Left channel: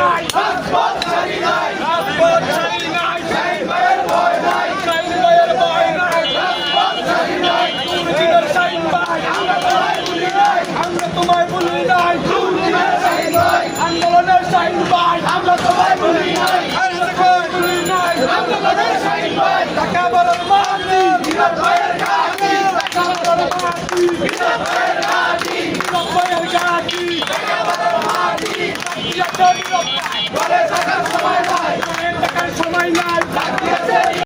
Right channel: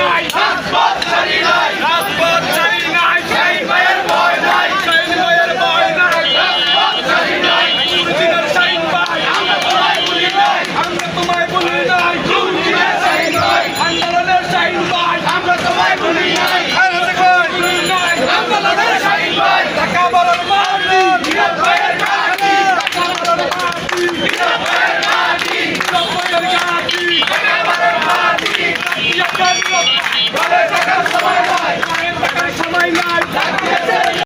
নাই রাজপথ ছাড়ি নাই রাজপথ ছাড়ি নাই শাহিন ভাইয়ের ভয় নাই শাহিন ভাইয়ের ভয় নাই রাজপথ ছাড়ি নাই মুর্শিদের শাহিন ভাই আমরা তোমায় ভুলি নাই আমরা তোমায় ভুলি নাই মুর্শিদের শাহিন ভাই আন্দোলনের শাহিন ভাই আমরা তোমায় ভুলি নাই আমরা তোমায় ভুলি নাই আন্দোলনের শাহিন ভাই ঢাকা বলার মাটি হিরো ভাইয়ের ঘাটি ঢাকা বলার মাটি হিরো ভাইয়ের ঘাটি হিরো ভাইয়ের ঘাটি ঢাকা বলার মাটি বলে থাকার সময় নয়